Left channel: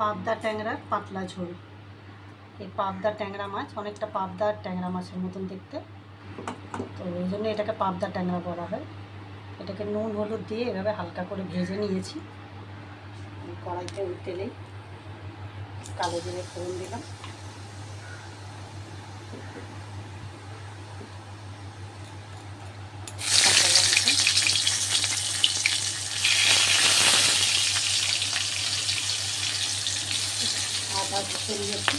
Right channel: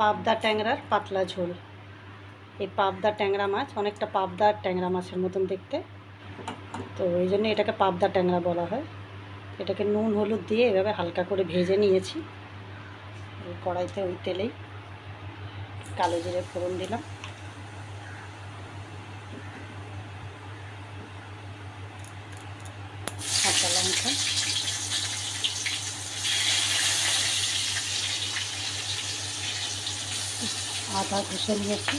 পাবদা ট্যাংরার পাতলা ঝোল। এই পাবদা ট্যাংরা মাছ অনেকটা পাবদা আর ট্যাংরা মাছের মতন দেখতে, তো এই জন্য এটাকে পাবদা ট্যাংরা বলা হয়। এটাকে নুন হলুদ দিয়ে এভাবে হালকা করে ভেজে নিয়েছি। কড়াইতে ওই তেলেই কালো জিরে ফোড়ন দিলাম, কাঁচা লঙ্কা, আদা ঘষে নিয়েছি,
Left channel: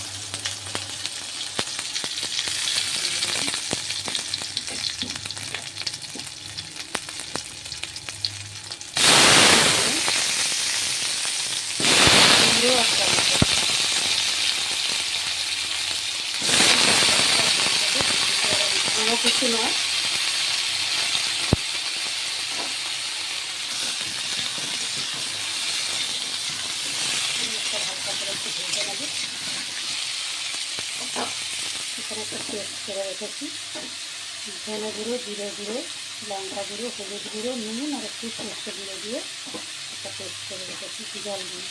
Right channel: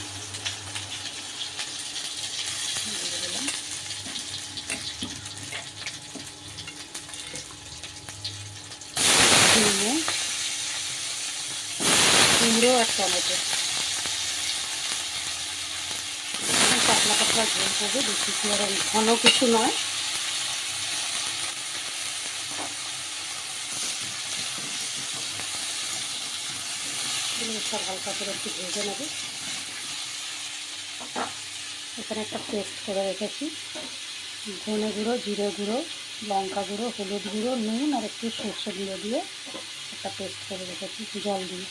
কুমড়ো আর টমেটো ঘন কিছু নয়। হালকা করে একটু ভেজে নেব। এখানে একটা পেস্ট করে রেখেছি, ধনে গুঁড়ো, জিরে গুঁড়ো, লঙ্কা গুঁড়ো, হলুদ গুঁড়ো, নুন আর একটু সর্ষে গুঁড়ো দিয়ে একটা পেস্ট করে রেখেছি জল দিয়ে।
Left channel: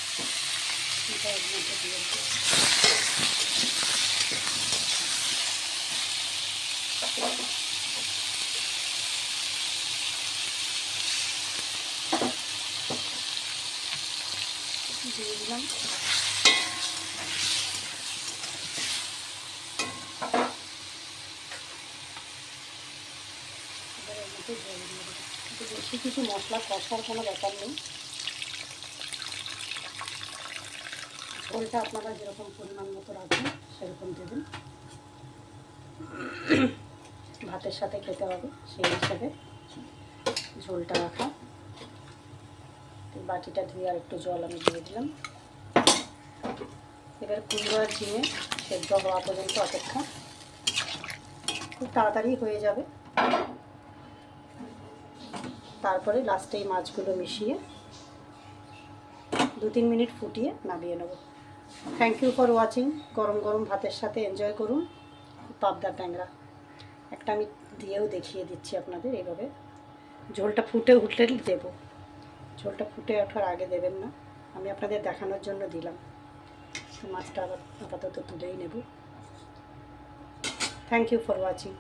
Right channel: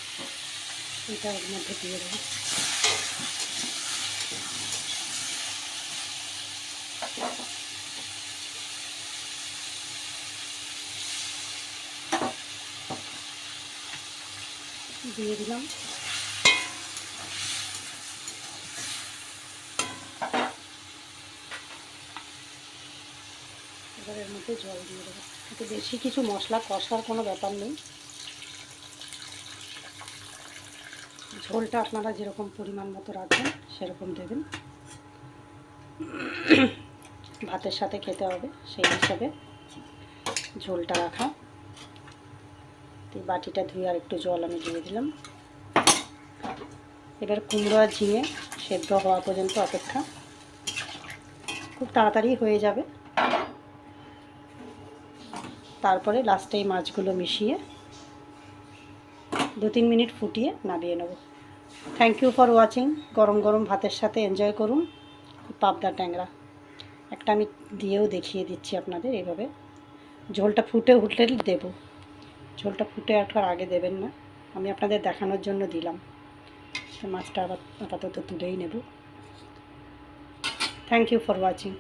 এটা এর মধ্যে দিয়ে দেবো। দিয়ে দিলাম এর মধ্যে জল দিয়ে দেবো। কিন্তু বেশি কিছু মশলা কষার কোনো ব্যাপার নেই, ঝোলটা আপনারা যেরকম পরিমাণ মতো রাখবেন সেরকম দেবেন। ভাতের সাথে খেতে হবে সেই হিসাবে ঝোলটা রাখা। বাটিটা ধুয়ে আর একটু জল আমি দিয়ে দিলাম। এবার কুমড়ো আর ঝিঙে সেদ্ধ হওয়া পর্যন্ত অপেক্ষা, খুব তাড়াতাড়ি হয়ে যাবে। তারপরে লাস্টে এই মাছগুলো মিশিয়ে 2-3 মিনিট ফুটিয়ে নামিয়ে নেব। Thank you for watching. গরম গরম ভাতের সাথে এনজয় করুন পাবদা ট্যাংরা। একটা আমি দিয়েও দেখিয়ে দিচ্ছি আপনাদের এইভাবে। ঝোলটা ফুটে উঠলে দেবো, ঝোলটা ফুটে ওঠার আগে দেবেন না। আমি আপনাদের দেখানোর জন্য দিলাম। মাছটা আপাতত তুলেই নেব। Thank you for watching.